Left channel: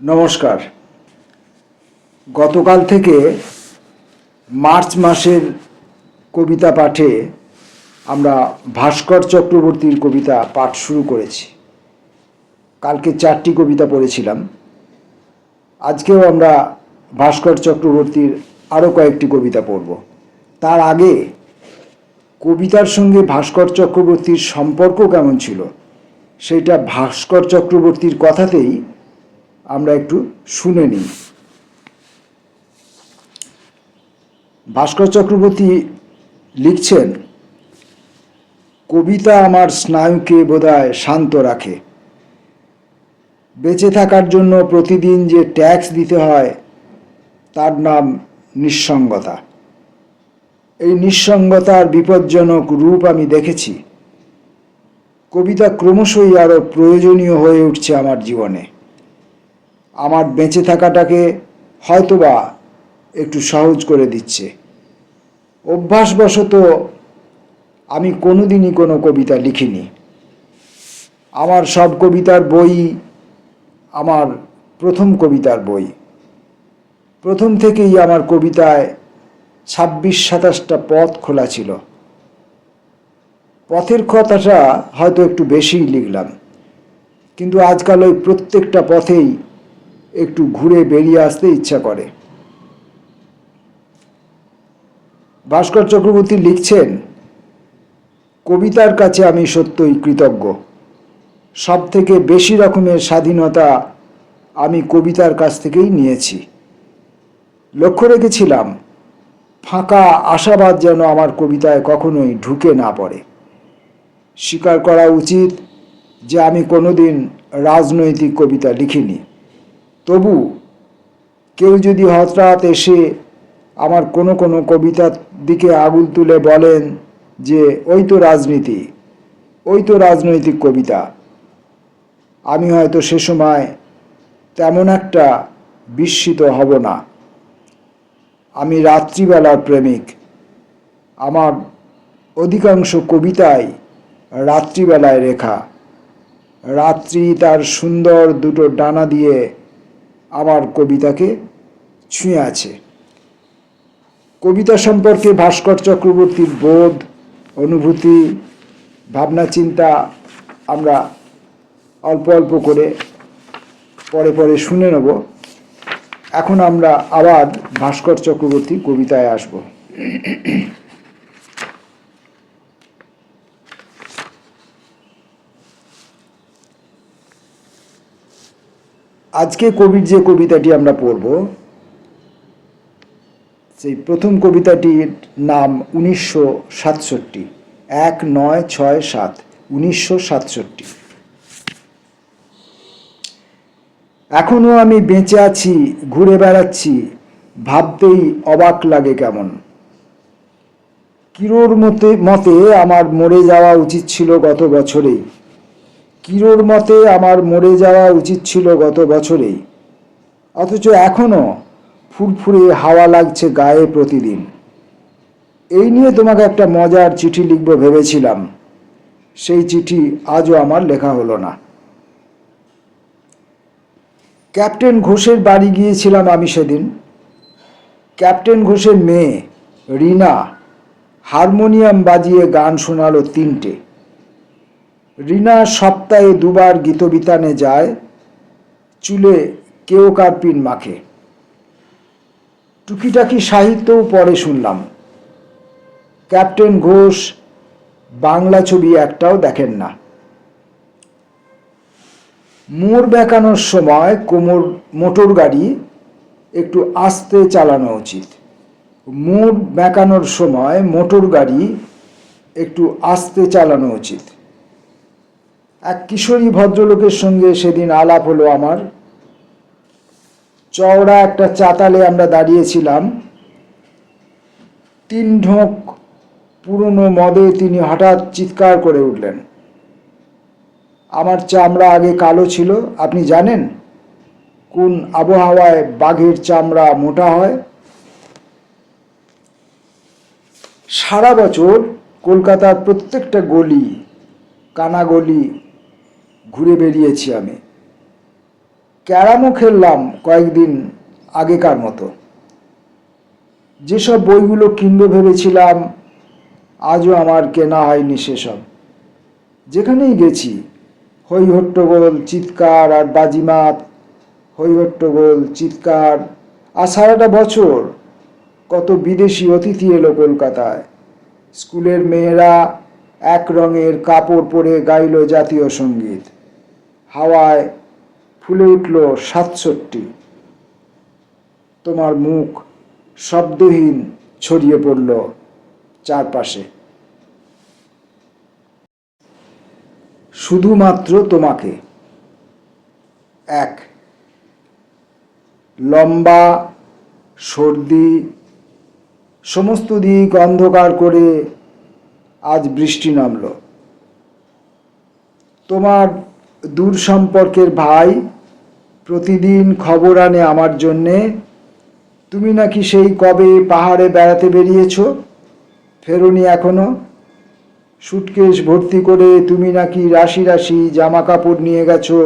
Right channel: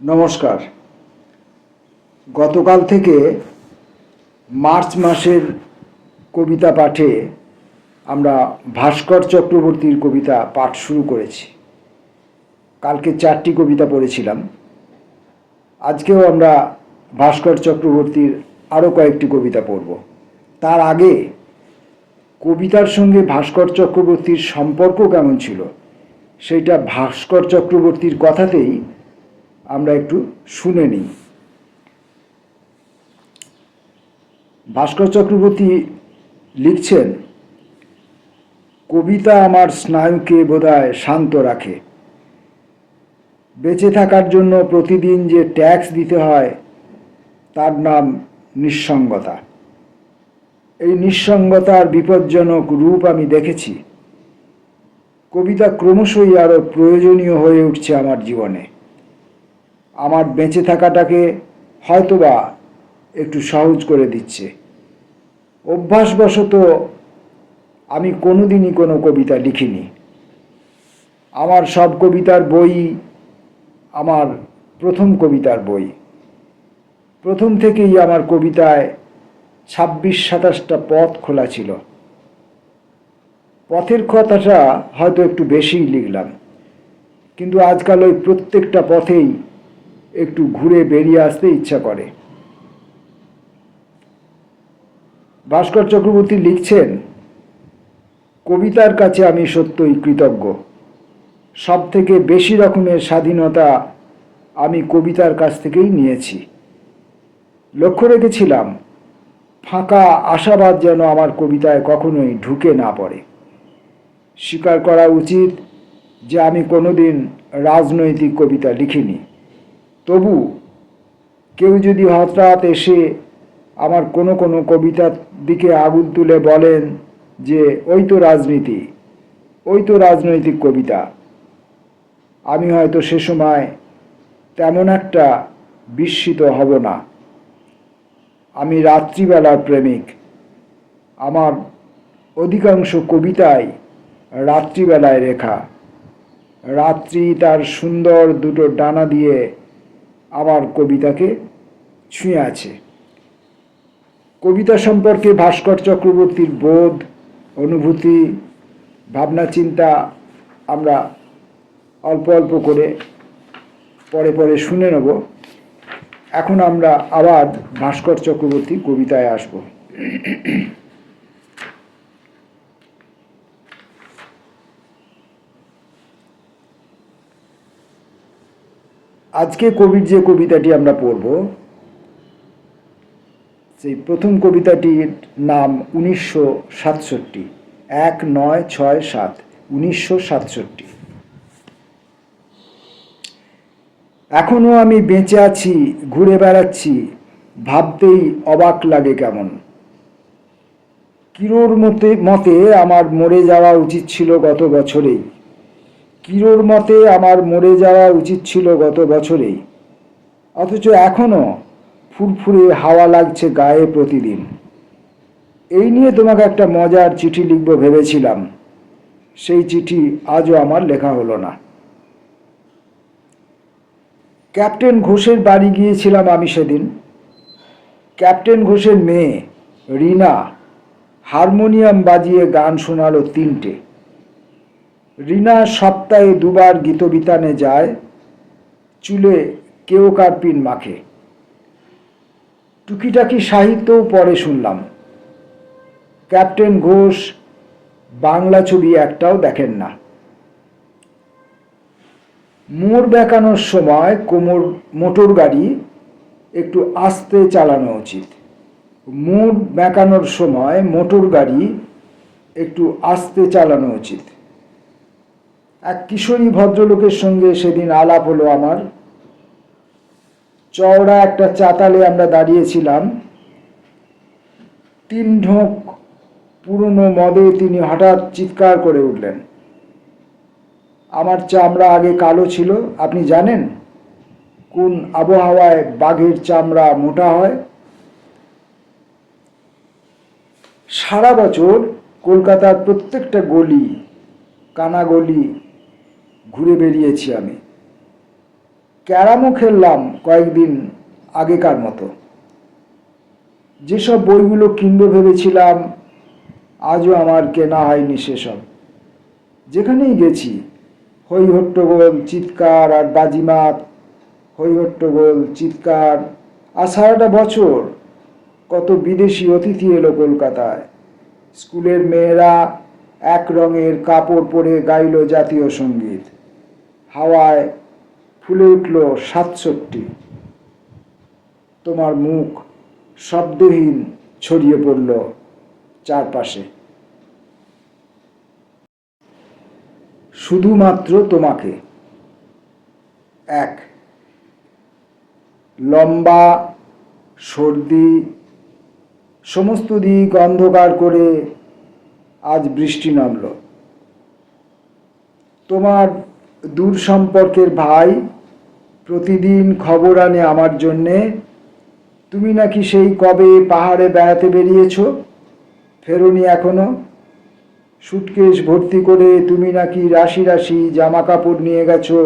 নমস্কার। গতকাল থেকে মার্চ মাসের কবিতা পাঠে আমরা ভাস্কর চক্রবর্তীর কবিতা পাঠ শুরু করেছি। কালকে 4টি কবিতা পড়েছিলাম। আজকেও আমরা ভাস্কর চক্রবর্তীর আরও কয়েকটি কবিতা পড়ব। তার আগে কবিতার সঙ্গে ভাস্কর চক্রবর্তীর সম্পর্ক কেমন ছিল সেইটা ভাস্কর চক্রবর্তীর কথাতেই আমরা একটু শুনে নিই। ভাস্কর চক্রবর্তী লিখছেন, কবিতা আমার স্নায়ুকে বোধহয় শান্ত রাখে। বেঁচে থাকার জন্য প্রতিদিন যে ট্যাক্স দিতে হয় তার নাম নিঃসঙ্গতা। এই নিঃসঙ্গতার বিপজ্জনক রূপ আমি দেখেছি। কবিতা ক্রমশই আরও প্রয়োজনীয় হয়ে উঠছে আমার জীবনে। আমার বেঁচে থাকাটাকে হয়তোবা একটু সহজ করে দিচ্ছে। অভ্যাসবশত আমি কোনোদিনই কোনো কবিতা লিখিনি। আমার সব কবিতার বই আমার প্রথম কবিতার বই। প্রথম থেকেই আমার কবিতায় 26-27টা পথ খোলা ছিল। পথের কথাটা হয়তো একটু বেশিই লিখলাম, কিন্তু আজকাল ওই প্রত্যেকটা পথেই একটু ঘুরে বেরিয়ে আসতে ইচ্ছা করে। ভাস্কর চক্রবর্তী লিখছেন, কবিতার কাছে আমি সত্যই কৃতজ্ঞ। সব থেকে বেশি রকমের স্বাধীনতা আমি কবিতার কাছ থেকেই নিয়েছি। লক্ষ্য রেখেছিলাম ফাঁকা আশাবাদ যেন আমার কবিতায় কখনোই ঢুকে না পড়ে। স্বীকার করা উচিত যে আমি কোনোদিন রাজনৈতিক কবিতা লিখিনি। তবু কেউ যদি হঠাৎ এসে আমার কোনো কোনো কবিতার দিকে আঙুল তুলে বলেন যে ওই তো রাজনীতি, ওই তো রাজনৈতিক কবিতা, আমি হয়তো সে সময় তেমন একটা বিস্মিত হব না। আমি রাত্রিবেলার প্রেমিক। আমার অধিকাংশ কবিতাই রাত্রিবেলায় লেখা। রাত্রি তার সুন্দর দুটো ডানা দিয়ে আমার কবিতাকে ছুঁয়ে আছে। কবিতা সম্পর্কে ভাস্কর চক্রবর্তীর বোধ, অনুভূতি, ভাবনা চিন্তা আমরা অল্প অল্প করে পরে পরে শুনে নেব। এখন আমরা আবার ভাস্কর চক্রবর্তীর কবিতায় আসব। আজকে কবির যে কবিতাটি আমরা পড়ব, সেই প্রথম কবিতাটির নাম 1967, 1967, 1967। এখনো আমি বেঁচে আছি, ঘুরে বেড়াচ্ছি, ভাবতেই অবাক লাগে কেমন। কিরোর মতে আমার মরে যাওয়া উচিত ছিল গত বছরেই। কিরোর মতে আমার মরে যাওয়া উচিত ছিল গত বছরেই, অথচ এখনো ফুরফুরে হাওয়া লাগছে গায়ে প্রতিদিন। এই নিয়ে তোমাকে একটা মজার চিঠি লিখব ভেবেছিলাম, সেই চিঠি আজও আমার লেখা হলো না। ক্যাপ্টেন ঘোষের বাড়ি গিয়েছিলাম আমি সেদিন। ক্যাপ্টেন ঘোষের মেয়ে রিনা হারমোনিয়াম বাজিয়ে গান শোনালো 3টে। রিনা সপ্তাহে 2বার গীতবিতানে যায়, চুলে কেওকার্পিন মাখে। টুকিটাকি সাহিত্যও পড়ে শুনলাম। ক্যাপ্টেন ঘোষ বাংলা ছবি একটাও দেখেন না। মোড় বেঁকানোর সময় মোটর গাড়ি একটু আস্তে চালানো উচিত। মোড় বেঁকানোর সময় মোটর গাড়ি একটু আস্তে চালানো উচিত। এক কিশোরী ভদ্রলোকের সঙ্গে সেদিন আলাপ হলো আমার। চওড়া একটা চাতালে আমরা দাঁড়িয়েছিলাম। 3 ঢোক পুরনো মদে তিনি হঠাৎ চিৎকার করে উঠলেন, আমার চামড়া আগে কালো ছিল, আপনি জানেন কোন আবহাওয়ায় বাঘের চামড়া মোটা হয়? সারা বছর কলকাতার প্রত্যেকটা গলি কানাগলি ঘুরে বেরিয়েছি আমি। ক্যারামও খেললাম কয়েকদিন আগেকার মতো। যেসব বইগুলো কিনবো ভেবেছিলাম আজও আমার কেনা হয়নি সেসব। যেখানেই গেছি হই হট্টগোল, চিৎকার আর বাজিমাত, হই হট্টগোল, চিৎকার। আর সারাটা বছর কত বিদেশি অতিথি এলো কলকাতায়। স্কুলের মেয়েরা এক রঙের কাপড় পরে গাইল জাতীয় সঙ্গীত। হাওয়ায় ফুলে উঠল ৬৭। তোমার মুখ শব্দহীন ছড়িয়ে পড়ল চারপাশে। শুধুমাত্র তোমাকে। এক লম্বা সর্দি, সমস্ত দিক অন্ধকার করে আজ বৃষ্টি নামল। তোমার দূর সম্পর্কের ভাই প্রতিদিন খবর আনে আমার জন্যে। তুমি নাকি সেই কবে পাহাড়ে বেড়াতে বেরিয়েছ, ফেরোনি এখনো। সুটকেস ভর্তি করে তুমি নাকি রাশি রাশি জামা কাপড় নিয়ে গেছো,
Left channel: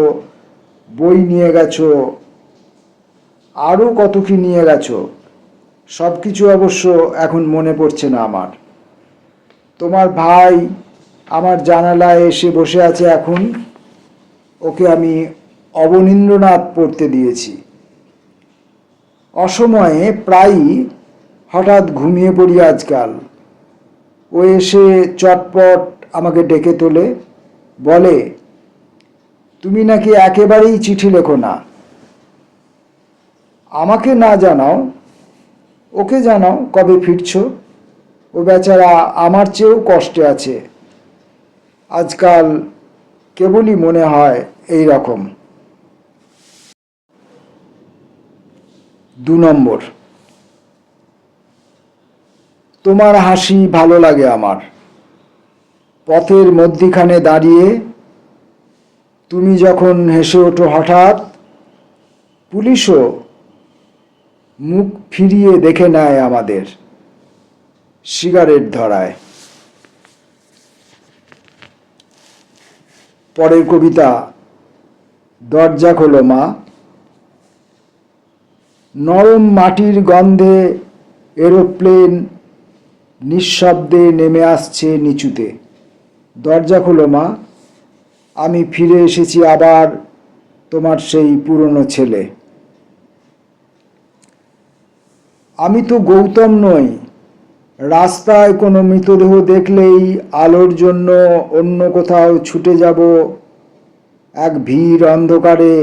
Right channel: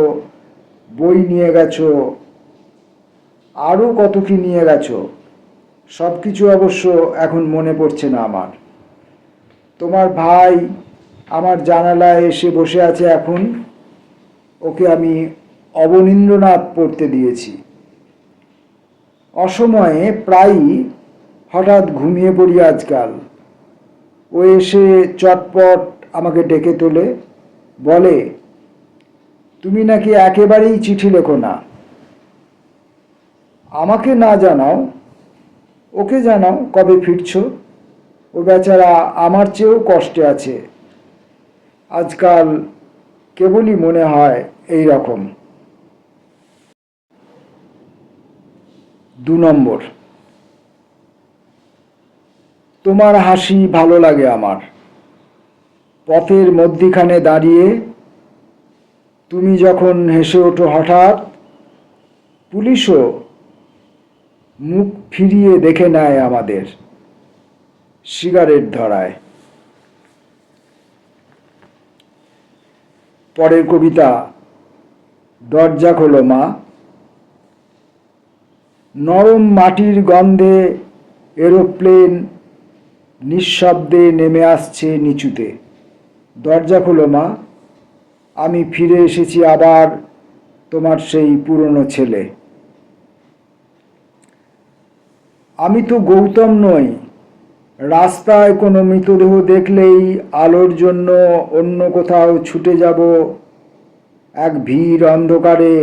বই নিয়ে গেছো, আরও কত কি নিয়ে গেছো। সব কিছু অবশ্য এখন মনে পড়ছে না আমার। তোমার ভাই আমার জানালায় এসে বসে আছে এখন। ওকে আমি অবনীন্দ্রনাথ পড়তে দিয়েছি। অসময়ে প্রায়ই হঠাৎ ঘুমিয়ে পড়ি আজকাল। ও এসে চটপট আমাকে ডেকে তোলে, বলে তুমি নাকি একেবারেই চিঠি লেখো না। আমাকে না জানাও, ওকে জানাও কবে ফিরছো। ও বেচারা আমার চেয়েও কষ্টে আছে আজকাল, কেবলই মনে হয় এই রকম। ২ নম্বর, তোমার হাসি ভালো লাগে আমার। পথের মধ্যিখানে দাঁড়িয়ে তুমি যখন হেসে ওঠো হঠাৎ, পুলিশও মুখ ফিরিয়ে দেখে নেয় আমাদের সিগারেট ধরায়। পরের কবিতা, দরজা খোলো মা। নরম মাটির গন্ধে এরোপ্লেন নিঃশব্দে নেমে আসছে নিচুতে। দরজা খোলো মা, আমি ফিরে এসেছি আবার, তোমার সেই পুরনো ছেলে। আমি তো গৌতম নই। রাস্তায় কোনো মৃতদেহ দেখলেই আলোর জন্য অন্য কোথাও ছুটে যাব। এক ভিড় অন্ধকারে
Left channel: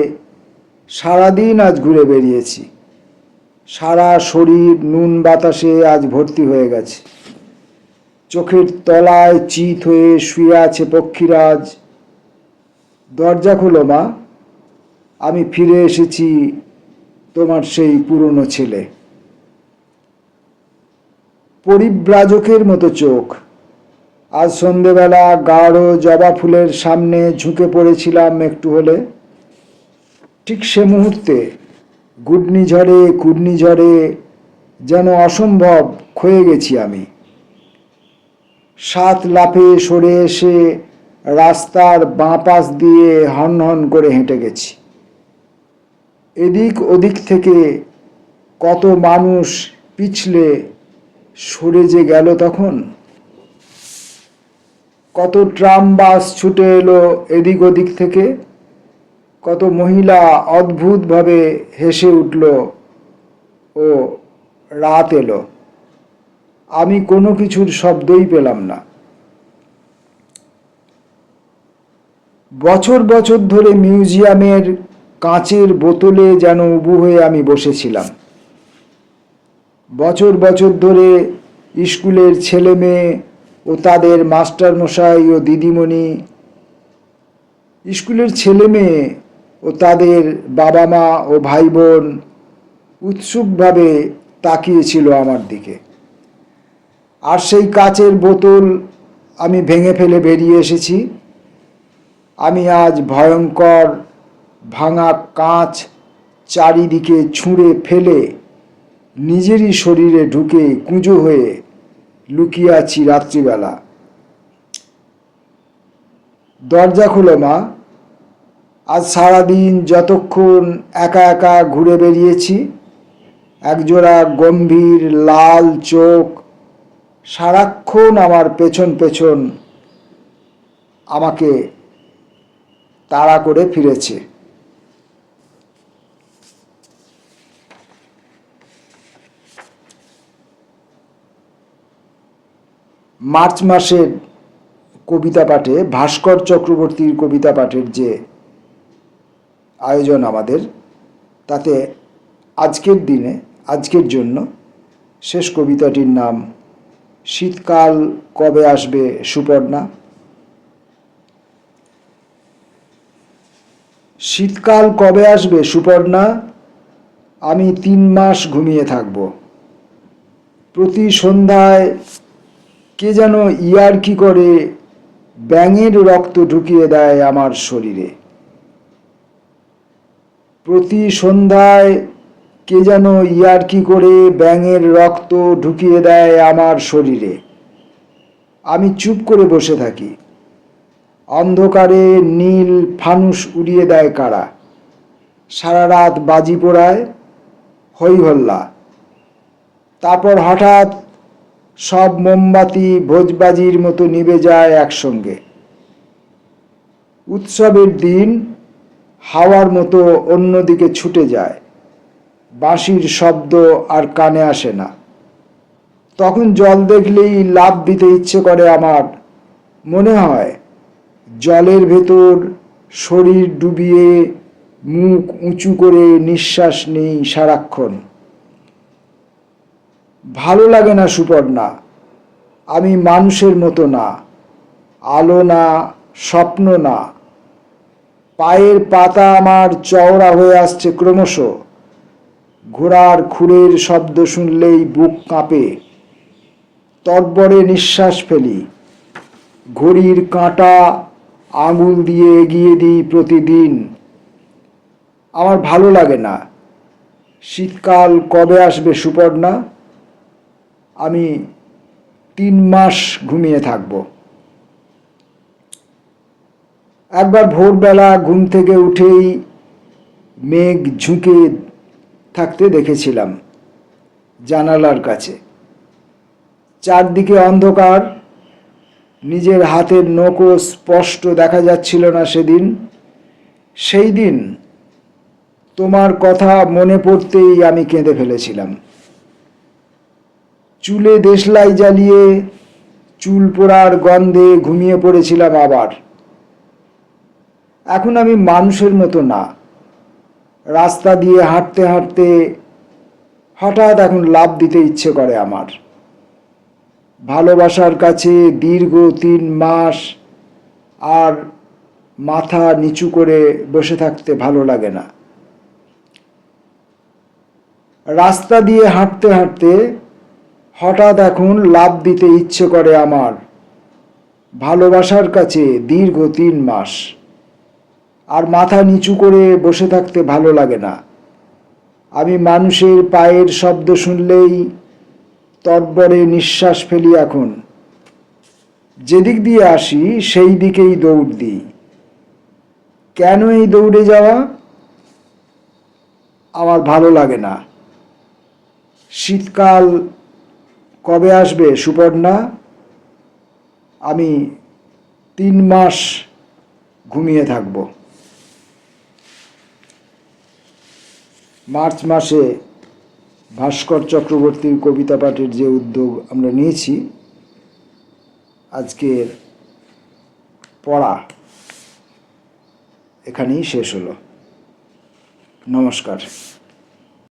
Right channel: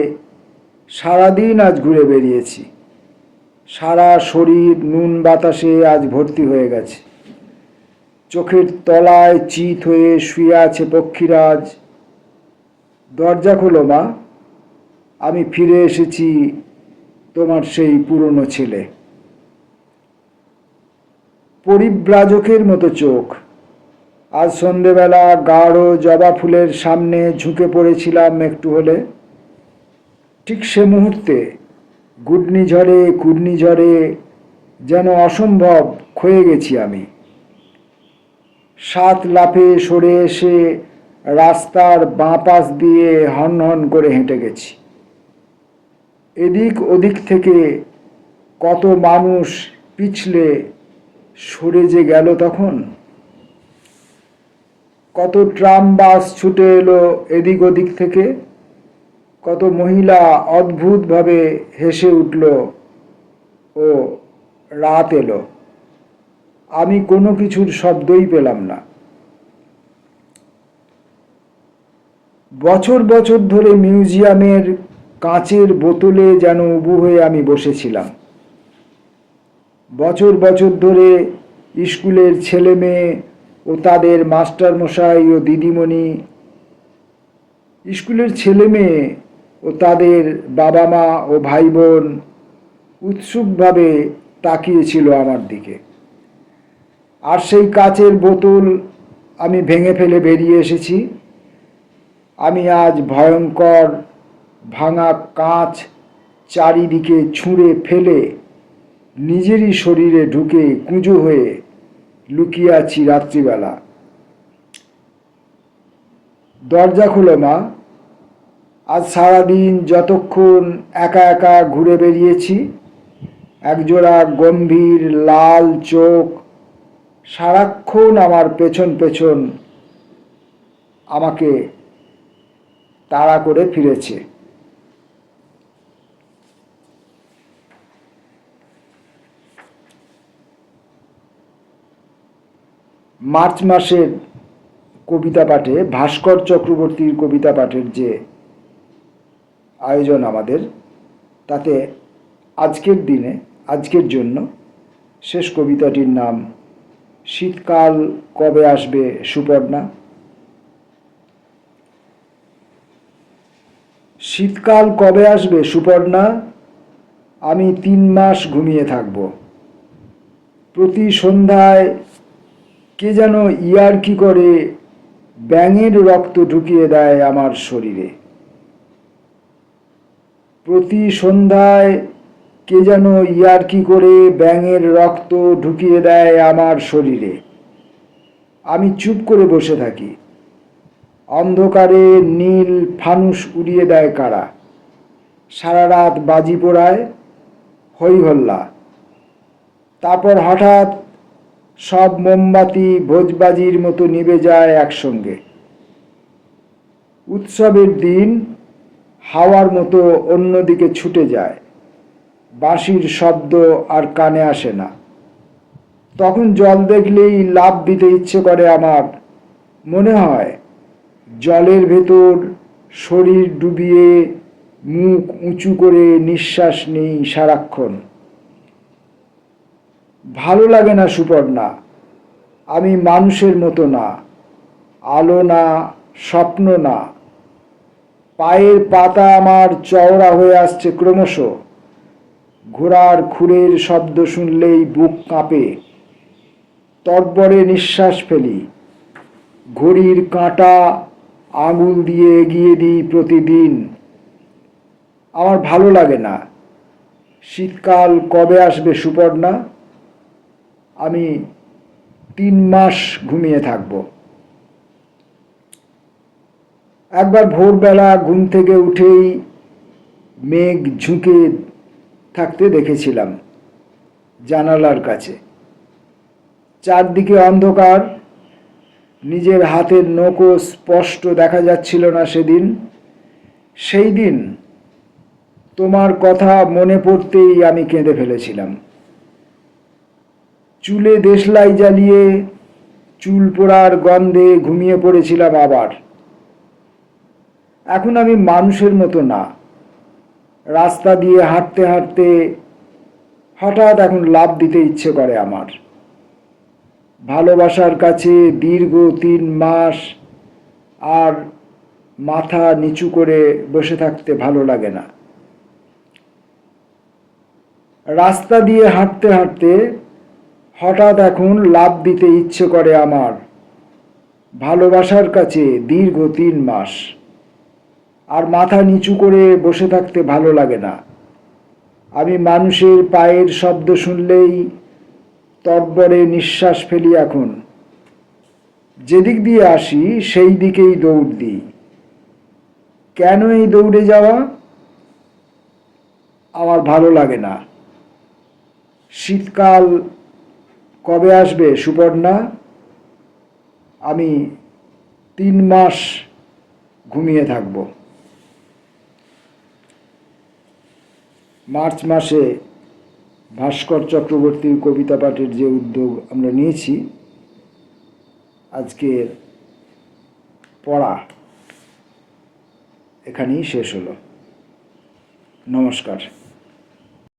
সারাদিন আজ ঘুরে বেরিয়েছি। সারা শরীর নুন বাতাসে আজ ভর্তি হয়ে গেছে। চোখের তলায় চিত হয়ে শুয়ে আছে পক্ষীরাজ। দরজা খোলো মা, আমি ফিরে এসেছি, তোমার সেই পুরনো ছেলে। পরিব্রাজকের মতো চোখ। আজ সন্ধেবেলা গাঢ় জবা ফুলের সামনে ঝুঁকে পড়েছিলাম একটু হলে। ঠিক সে মুহূর্তে ঘূর্ণিঝড়ে যেন অসম্ভব ক্ষয়ে গেছি আমি। 7 লাফে সরে এসে রাস্তার বাঁ পাশ দিয়ে হনহন করে হেঁটে গেছি। এদিক ওদিক থেকে কত মানুষ পিছলে সরে যে গেল তখন। কত ট্রাম বাস ছুটে এলো এদিক ওদিক থেকে। কত মহিলা অদ্ভুতভাবে হেসে উঠল ও রাত এলো। আমি কোনো কিছুর শব্দই পেলাম না। বছর বছর ধরে মিউজিয়ামের কাঁচের বোতলে যেন উবু হয়ে আমি বসেছিলাম। বছর বছর ধরে স্কুলের ছেলে মেয়ে ও তাদের মাস্টারমশাই ও দিদিমণি, স্কুলের ছেলে মেয়ে ও তাদের বাবা মা ও ভাই বোন উৎসুকভাবে তাকিয়েছিল আমার দিকে। আর সেই কাচের বোতল আমি ভেঙে ফেলে বেরিয়ে এসেছি। আমি আজ ভয়ঙ্কর ভাঙা কাঁচ চারিদিকে ছুঁড়ে ফেলে নিজেরই শরীরে ঢুকে কুঁজো হয়ে লুকিয়ে আছি রাত্রিবেলা। দরজা খুলো মা, আজ সারাদিন যতক্ষণ একা একা ঘুরে বেরিয়েছি, একজোড়া গম্ভীর লাল চোখ সারাক্ষণ আমার পেছন পেছন আমাকে তাড়া করে ফিরেছে। মার্চ মাসের কবিতা পাঠে, ভাস্কর চক্রবর্তীর কবিতা পাঠের যে আয়োজন আমাদের, তাতে আজকের দিনে, আজকের জন্য শেষ কবিতাটির নাম শীতকাল কবে আসবে সুপর্ণা। শীতকাল কবে আসবে সুপর্ণা, আমি 3 মাস ঘুমিয়ে থাকব। প্রতি সন্ধ্যায় কে যেন ইয়ার্কি করে ব্যাঙের রক্ত ঢুকিয়ে দেয় আমার শরীরে। প্রতি সন্ধ্যায় কে যেন ইয়ার্কি করে ব্যাঙের রক্ত ঢুকিয়ে দেয় আমার শরীরে। আমি চুপ করে বসে থাকি। অন্ধকারে নীল ফানুস উড়িয়ে দেয় কারা, সারা রাত বাজি পোড়ায় হই হল্লা। তারপর হঠাৎ সব মোমবাতি ভোজবাজির মতো নিভে যায় একসঙ্গে। উৎসবের দিন হাওয়ার মতো অন্যদিকে ছুটে যায়, বাঁশির শব্দ আর কানে আসে না। তখন জল দেখলেই লাফ দিতে ইচ্ছে করে আমার। মনে হয় জলের ভেতর শরীর ডুবিয়ে মুখ উঁচু করে নিঃশ্বাস নেই সারাক্ষণ। ভালো লাগে না সুপর্ণা, আমি মানুষের মতো না, আলো না, স্বপ্ন না। পায়ের পাতা আমার চওড়া হয়ে আসছে ক্রমশ। ঘোড়ার খুরের শব্দ শুনলেই বুক কাঁপে। তরবরে নিঃশ্বাস ফেলি। ঘড়ির কাঁটা আঙুল দিয়ে এগিয়ে দিই প্রতিদিন। আমার ভালো লাগে না। শীতকাল কবে আসবে সুপর্ণা, আমি 3 মাস ঘুমিয়ে থাকব। একবার ভোরবেলা ঘুম থেকে উঠেই মেঘ ঝুঁকে থাকতে দেখেছিলাম জানালার কাছে। চারদিকে অন্ধকার, নিজের হাতের নখও স্পষ্ট দেখা যাচ্ছিল না সেদিন। সেই দিন তোমার কথা মনে পড়তেই আমি কেঁদে ফেলেছিলাম। চুলে দেশলাই জ্বালিয়ে চুল পোড়ার গন্ধে ঘুমিয়ে পড়েছিলাম আবার। এখন আমি মানুষের মতো না। রাস্তা দিয়ে হাঁটতে হাঁটতে হঠাৎ এখন লাফ দিতে ইচ্ছে করে আমার। ভালোবাসার কাছে দীর্ঘ 3 মাস আর মাথা নিচু করে বসে থাকতে ভালো লাগে না। রাস্তা দিয়ে হাঁটতে হাঁটতে হঠাৎ এখন লাফ দিতে ইচ্ছে করে আমার। ভালোবাসার কাছে দীর্ঘ 3 মাস আর মাথা নিচু করে বসে থাকতে ভালো লাগে না। আমি মানুষের পায়ের শব্দ শুনলেই তরবরে নিঃশ্বাস ফেলি এখন। যেদিক দিয়ে আসি সেই দিকেই দৌড় দিই। কেন এই দৌড়ে যাওয়া, আমার ভালো লাগে না। শীতকাল কবে আসবে সুপর্ণা, আমি 3 মাস ঘুমিয়ে থাকব। মার্চ মাসে ভাস্কর চক্রবর্তীর কবিতা পাঠের যে উদ্যোগ আমরা নিয়েছি, আজকের পড়া এখানেই শেষ হলো। নমস্কার।